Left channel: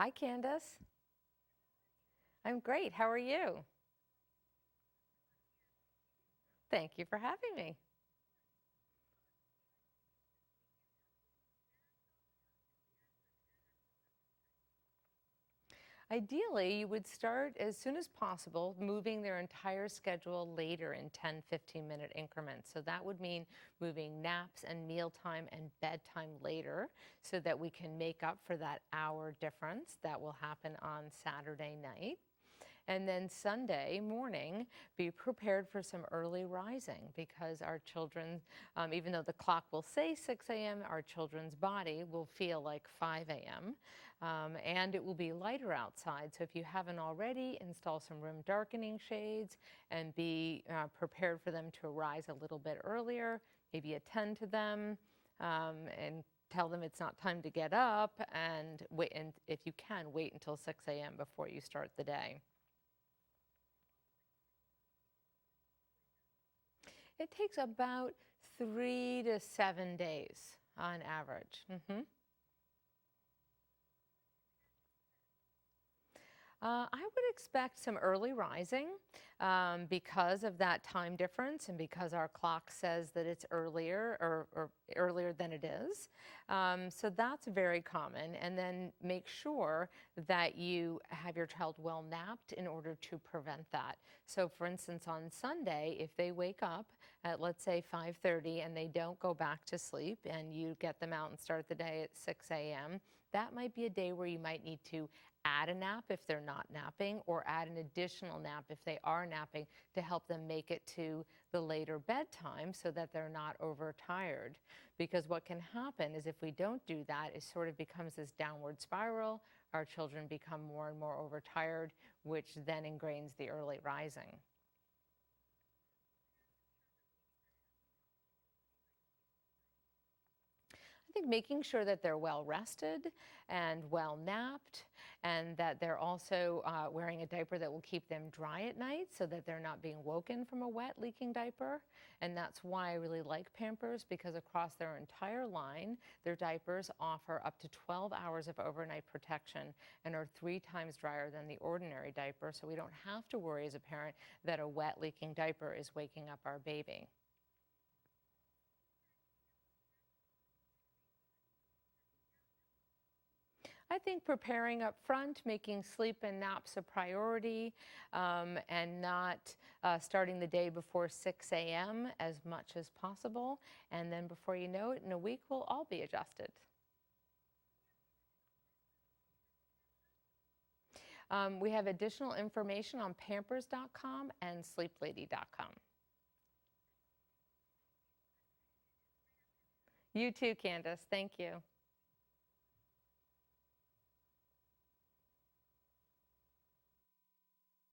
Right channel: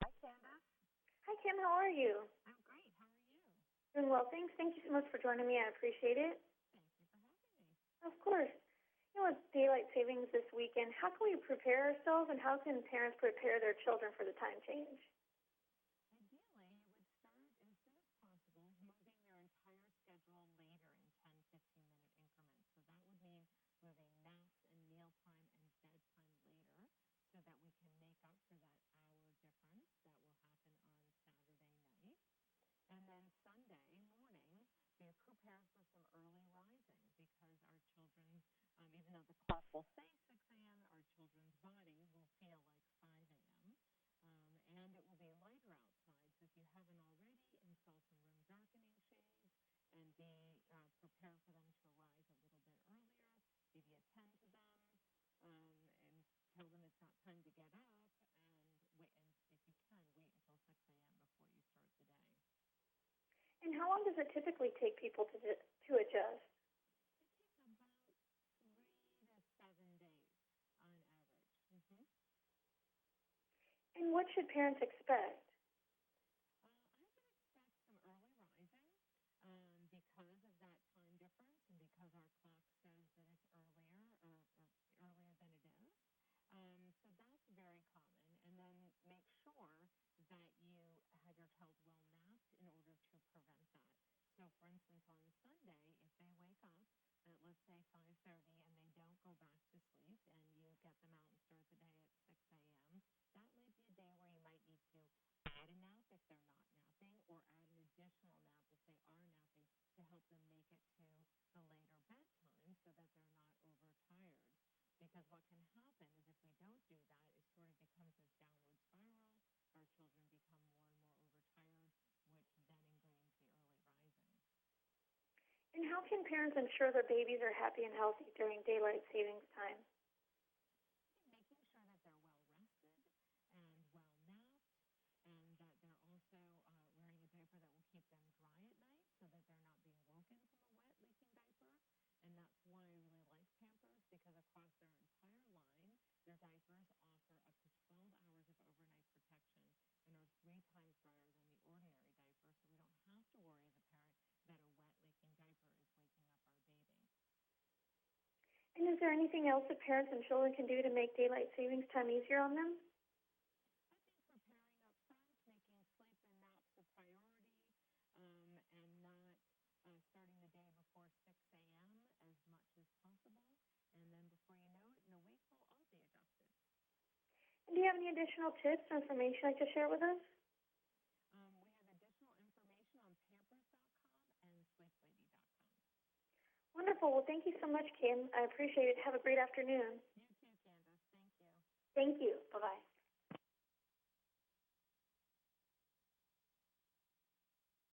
Hi, Candace. Hi, Kim. How are you? I'm great. How are you? Doing well, thanks. Thank you so much for joining me. I appreciate it. Thank you for having me. Of course. With daylight savings this weekend, how can we prepare ourselves, and how can parents prepare their children for the time change? Ideally, you would start as soon as possible, moving their entire schedule later in 10, 15-minute increments. So that would mean moving naps and mealtime and bedtime later so that we can make up for that hour difference that will happen on Saturday night. And then Sunday morning, be prepared for some early rising because our children, even though the clock will say 6 a.m., our children's body will feel like 5 a.m. And it will be lighter outside. So if you haven't already, install some room darkening shades and be prepared for them to arise a little bit earlier, maybe attend to them and tell them it's not time to get up, and wait, and if you can, wait until 6 a.m. before you start the day. And how long does it typically take people to adjust? It takes about 3 to 7 days on average. And what should parents expect? I would expect some early rising because of that time difference and because our clock says that it's earlier or earlier than it is. So that's very common. And then make sure that you have your child well napped in order to prevent that. So for instance, on Sunday, if they wake up at, let's say, 5:30 and they don't go back to sleep and you get them out and start the day at 6 a.m., that might be a day where you might need to add a nap if they're not napping, or add an additional nap if they are napping to help them make it to the later bedtime so that they're not overtired. Because what can happen is if we don't do that, it sort of becomes this downward spiral. Our children become more and more overtired, which then ingrains the early rising. And how can parents ensure their babies are happy and healthy during daylight savings time? I think making sure that they're well rested and well napped, and that they're also wearing a diaper that will keep them dry at night so that they're not being woken from a wet, leaking diaper. And that's why I really like Pampers, because across their entire line, their diapers offer up to 12 hours of overnight protection and are 3 times drier than the ordinary diaper. So we don't have to worry as a parent that a wet, leaking diaper is waking up our baby. And is there anything else that parents and children can do to make daylight savings time easier on them? I think preparing up front, making sleep and naps a priority, and not starting the day before 6 a.m. as much as possible. And then before you know it, in a week, we'll all be adjusted. And do you have any additional tips or information you'd like to share with us? We have additional information on Pampers.com and SleepLady.com. Wonderful. Well, thank you so much, Kim. I appreciate it. Have a great afternoon. You too, Candace. Thank you. Thank you. Bye-bye.